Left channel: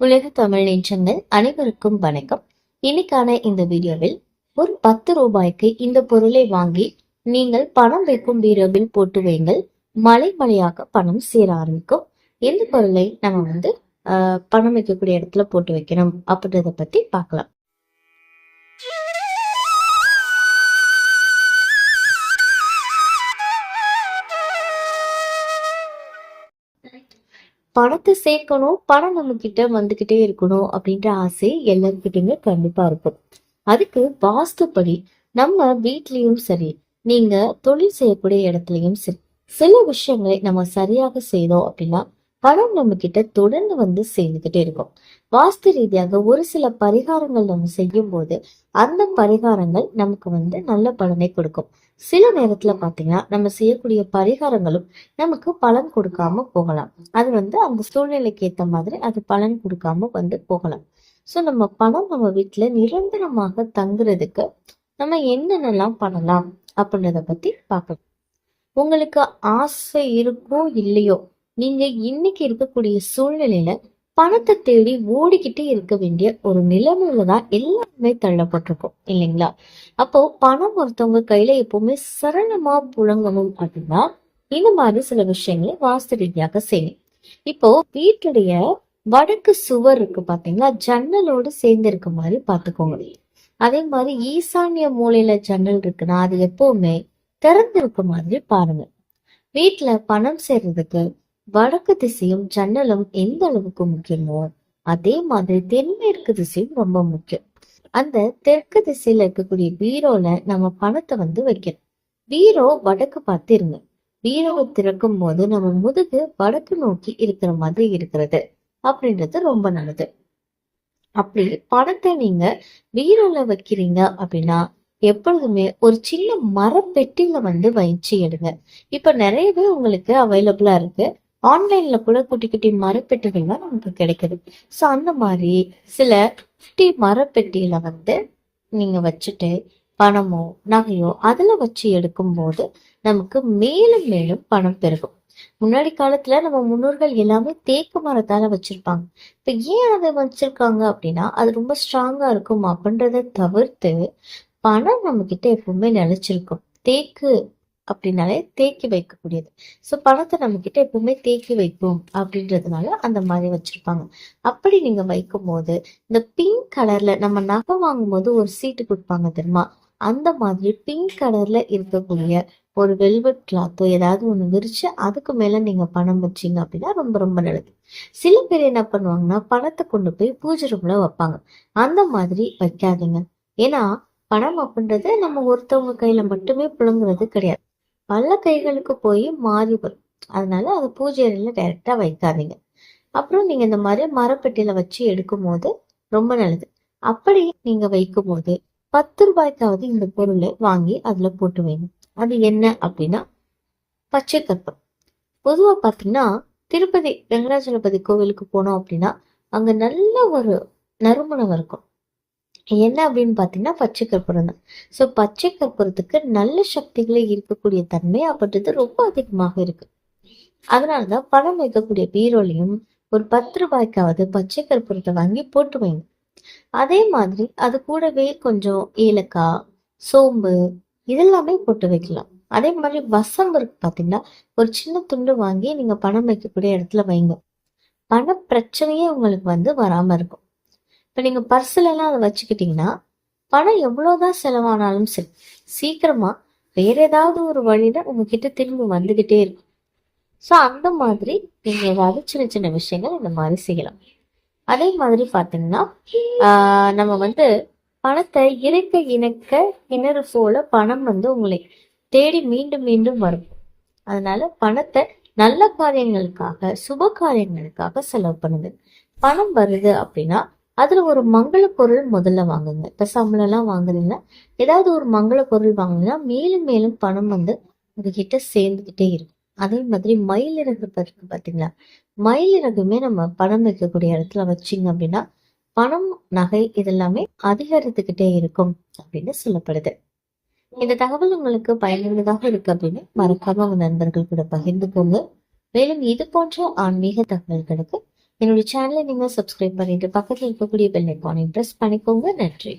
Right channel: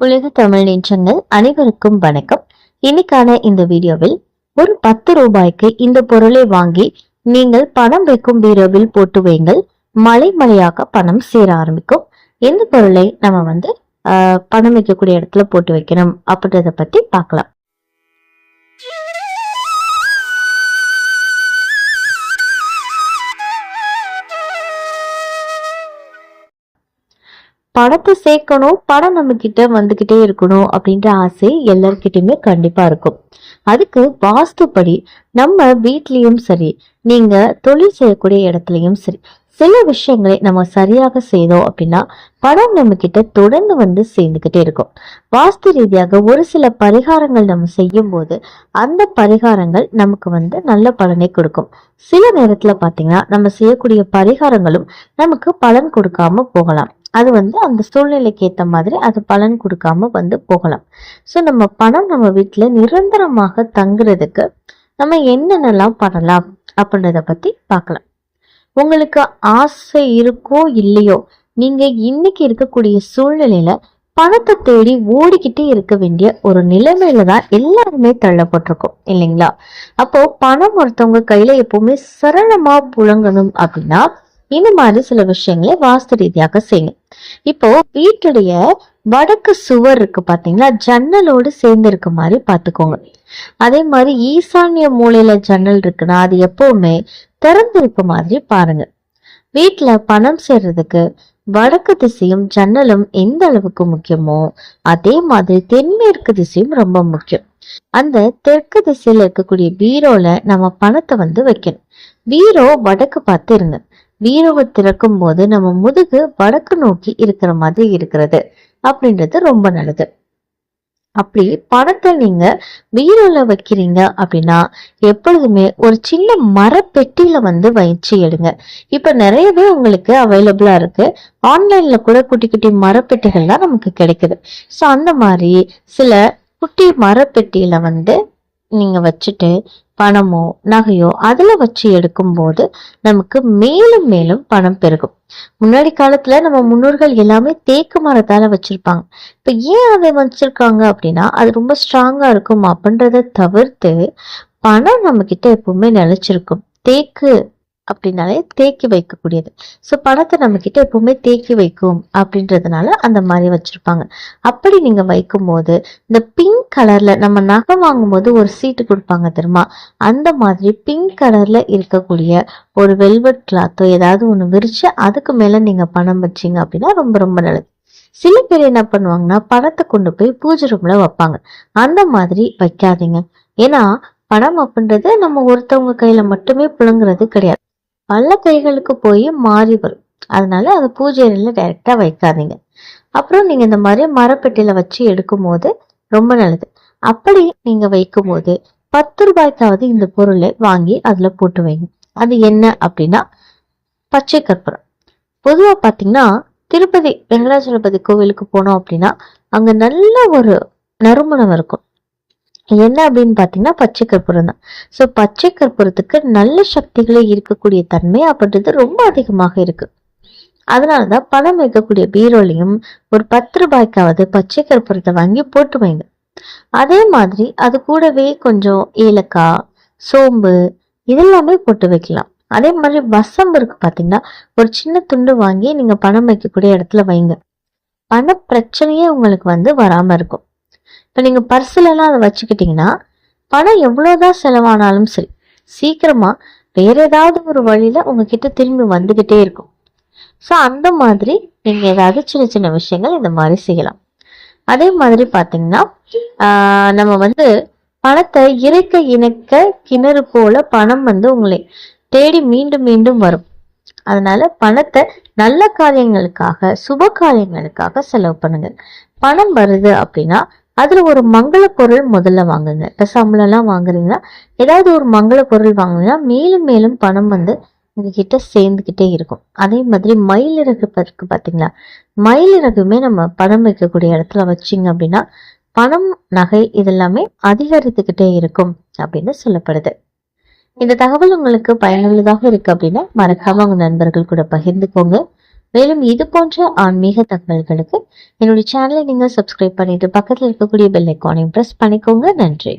உலக தமிழ் நெஞ்சங்கள் அனைவருக்கும் வணக்கம். இன்னைக்கான இந்த வீடியோவில் ஒரு பத்து ரூபாய்க்கு இந்த பொருளை வாங்கி நீங்கள் பணம் வைக்கும் பீரோவில் போட்டு வைங்கள் மலை மலையாக பணம் சேர ஆரம்பிக்கும். எந்த பொருளை நம்ம வந்து ஆஹ், பணம் வைக்கக்கூடிய இடத்துல போட்டு வைக்கணும் அப்படின்றத பத்தி பார்க்கலாம். பணத்தை சேர்க்கணும் பணம் நம்ம கிட்ட வந்துகிட்டே இருக்கணும் அப்படின்ற ஆசை எல்லார்கிட்டயுமே கண்டிப்பா இருக்கும். அதுக்கு வாஸ்துப்படி நம்ம வீட்லேயும் சரி நீங்க தொழில் செய்யக்கூடிய இடத்துலயும் சரி சில விஷயங்களை நம்ம சரியாக செய்தோம் அப்படின்னா பணம் நம்ம கிட்ட தொடர்ந்து வந்து சேர்ந்துகிட்டே இருக்கும். வாஸ்து ரீதியாக ஒரு சில பரிகாரங்கள் நம்ம செய்யும் போது அந்த பரிகாரங்கள் நமக்கு வந்து நல்ல பலனை கொடுக்கும். சில நேரத்துல பாத்தீங்கன்னா நம்ம செய்யக்கூடிய பரிகாரங்களும் நமக்கு பலன் கொடுக்காம போகலாம். அது வந்து அந்த சூழ்நிலைக்கு ஏத்த மாதிரி அது பலன் கொடுக்காம வந்து போகலாம். ஸோ நம்ம பணம் நம்ம வீட்டுல நிரந்தரமாக தங்குறதுக்கு நம்ம என்னென்னலாம் பண்ணலாம் அப்படின்றத பத்தி பார்க்கலாம். உங்களுக்கு ஆசை இருக்கோ இல்லையோ நீங்க இன்னைக்கு இருக்கக்கூடிய சூழ்நிலையில பணத்தை தேடி ஓடிக்கிட்டே இருக்க வேண்டிய ஒரு நிலைமையில தான் எல்லாருமே தள்ளப்பட்டிருக்கோம் இல்லைங்களா? அப்போ பணம் ஒருத்தவங்க கையில எப்பவுமே சரளமா புழங்கணும் அப்படின்னா இந்த மாதிரி சில விஷயங்களை வாஸ்து ரீதியாக செய்யுங்க இப்போ வீட்டுடைய வடக்கு சுவர் இருக்கு பாத்தீங்களா? ஜன்னலோடு சேர்ந்து இருக்க மாதிரி பாத்துக்கோங்க அதே மாதிரி ஈசான்ய மூலையில ஜன்னல் இருக்குன்னா அது எப்பவுமே திறந்து இருக்க மாதிரி பாருங்க. வீட்டுல பணம் சேர்றதுக்கு வடக்கு திசையும் ஜன்னலும் எந்த அளவுக்கு முக்கியமோ அதே மாதிரி தென்மேற்கு திசையும் ரொம்ப முக்கியம். அந்த தெற்கு திசையில இருக்கக்கூடிய பீரோல நம்ம பணத்தை வந்து வைக்கணும். பீரோ வடக்கு பார்த்து இருங்க. பீரோவை திறக்கும் போது நம்ம முதுகு வடக்கு நோக்கி இருக்கிற மாதிரி இருக்கிறது அப்படின்றது ரொம்ப நல்லது. அப்படி பணத்தை நீங்க பீரோல வைக்கிறீங்க அப்படின்னா எப்பொழுதுமே ஒரு சின்ன மரப்பெட்டியில வந்து வச்சு எடுங்க. இப்ப நிறையவே உங்களுக்கு அவைலபிளா இருக்கு. ஆன்லைன்ல கூட குட்டி குட்டி மரப்பெட்டிகள்லாம் நமக்கு கிடைக்குது. ஸோ அந்த மாதிரி சில குட்டி மரப்பெட்டியில வந்து நீங்க வச்சுட்டு பணமோ நகையோ அதில் வச்சு எடுக்கும்போது நமக்கு மேலும் மேலும் பணம் பெருகும். முன்னாடி காலத்துல நம்ம முன்னோர்கள் எல்லாமே தேக்கு மரத்தால வச்சிருப்பாங்க. இப்ப ஏன் அதை வச்சிருக்காங்க அப்படின்னா அது ரொம்ப ஸ்ட்ராங்கா இருக்கும் அப்படின்றத தவிர்த்து பணம் நம்ம கிட்ட எப்பவுமே நிலைச்சிருக்கும். தேக்கு அப்படின்னாலே தேக்கி வைக்கக்கூடியது. ஸோ பணத்தை நம்ம கிட்ட எப்பவுமே தேக்கி வைக்கும் அப்படின்றதுனால அந்த மாதிரி வச்சிருப்பாங்க. அப்படி நீங்க வைக்கும் போது இந்த பிங்க் கலர்ல நம்ம நகை வாங்கும் போது ஒரு சீட்டு கொடுப்பாங்க தெரியுமா? அந்த மாதிரி பிங்க் கலர்ல இருக்கக்கூடிய ஒரு வெல்வெட் கிளாத்தோ ஏதாவது ஒன்று விரிச்சு அதுக்கு மேல நீங்க பணம் வச்சீங்க அப்படின்னா ரொம்ப ரொம்ப நல்லது. சில பேர் என்ன பண்ணுவாங்கன்னா பணத்தை கொண்டு போய் பூஜை ரூம்ல வைப்பாங்க. அந்த மாதிரி வைக்காதீங்க. ஏன்னா பணம் அப்படின்றது நம்ம ஒருத்தவங்க கையில மட்டுமே புழுங்குறது கிடையாது. பல கைகளுக்கு போய் மாறி வரும். அதனால அதை பூஜை அறையில் டைரக்டா வைக்காதீங்க. அப்புறம் நீங்க இந்த மாதிரி மரப்பெட்டியில் வச்சு எடுக்கும் போது ரொம்ப நல்லது. அப்படி நீங்க வைக்கும் போது பத்து ரூபாய்க்காவது இந்த பொருளை வாங்கி அதுல போட்டு வைங்க. அது என்ன அப்படின்னா பச்சை கற்பூரம். பொதுவா பார்த்தீங்கன்னா திருப்பதி வெங்கடாச்சலபதி கோவிலுக்கு போனோம் அப்படின்னா அங்க நல்ல ஒரு நறுமணம் இருக்கும். என்ன அப்படின்னு பார்த்தீங்கன்னா பச்சை கற்பூரம் தான். ஸோ பச்சை கற்பூரத்துக்கு நல்ல சக்திகளை இருக்கக்கூடிய தன்மை அப்படின்றது ரொம்ப அதிகமாக இருக்கு. அதனாலதான் பணம் வைக்கக்கூடிய பீரோலையும் ஒரு பத்து ரூபாய்க்காவது பச்சை கற்பூரத்தை வாங்கி போட்டு வைங்க. அதே மாதிரி அது கூடவே கொஞ்சம் ஏலக்காய் சோம்பு இதெல்லாமே போட்டு வைக்கலாம். அதே மாதிரி வசம்பு இருக்கு பார்த்தீங்கன்னா ஒரு சின்ன துண்டு வாங்கி நீங்கள் பணம் வைக்கக்கூடிய இடத்துல வைங்க. பண பிரச்சனையே உங்களுக்கு வந்து வராமல் இருக்கும். இப்ப நீங்க பர்சுல எல்லாம் அதை வச்சுக்கிட்டீங்கன்னா பணம் எவ்வளவுதான் செலவானாலும் சரி சீக்கிரமா வேற ஏதாவது ஒரு வழியில உங்ககிட்ட திரும்பி வந்துகிட்டே இருக்கும். ஸோ அந்த மாதிரி நீங்க ஏதாவது சின்ன சின்ன விஷயங்கள் இந்த மாதிரி செய்யலாம். அதே மாதிரி பாத்தீங்கன்னா ஆஹ் நம்ம வந்து பணத்தை இறைக்க இணைக்க கிணறு போல பணம் வந்து உங்களை தேடி மீண்டும் மீண்டும் வரும். அதனால பணத்தை நல்ல காரியங்களுக்காக சுப காரியங்களுக்காக செலவு பண்ணுங்க. பணம் வருது அப்படின்னா அதில் ஒரு மங்கள பொருள் முதல்ல வாங்குங்க. இப்ப சம்பளம் எல்லாம் வாங்குறீங்கன்னா ஏதாவது ஒரு மங்கள பொருள் வாங்குனீங்கன்னா மேலும் மேலும் பணம் வந்து உங்ககிட்ட சேர்ந்துக்கிட்டே இருக்கும். அதே மாதிரி மயிலிறகு இருக்கு பாத்தீங்களா? மயிலிறகுமே நம்ம பணம் வைக்கக்கூடிய இடத்துல வச்சிங்க அப்படின்னா பணம் நகை இதெல்லாமே அதிகரித்துக்கிட்டே இருக்கும் அப்படின்னு சொல்லப்படுது. இந்த தகவல் உங்களுக்கு பயனுள்ளதாக இருக்கு அப்படின்னா மறக்காம உங்க நண்பர்கள் கூட பகிர்ந்துக்கோங்க. மேலும் இது போன்ற ஆன்மீக தகவல்களுக்கு என்னுடைய சேனலை நீங்க சப்ஸ்கிரைப் பண்ணிட்டு பக்கத்தில் இருக்கக்கூடிய பெல் ஐக்கானையும் ப்ரெஸ் பண்ணிக்கோங்க. நன்றி.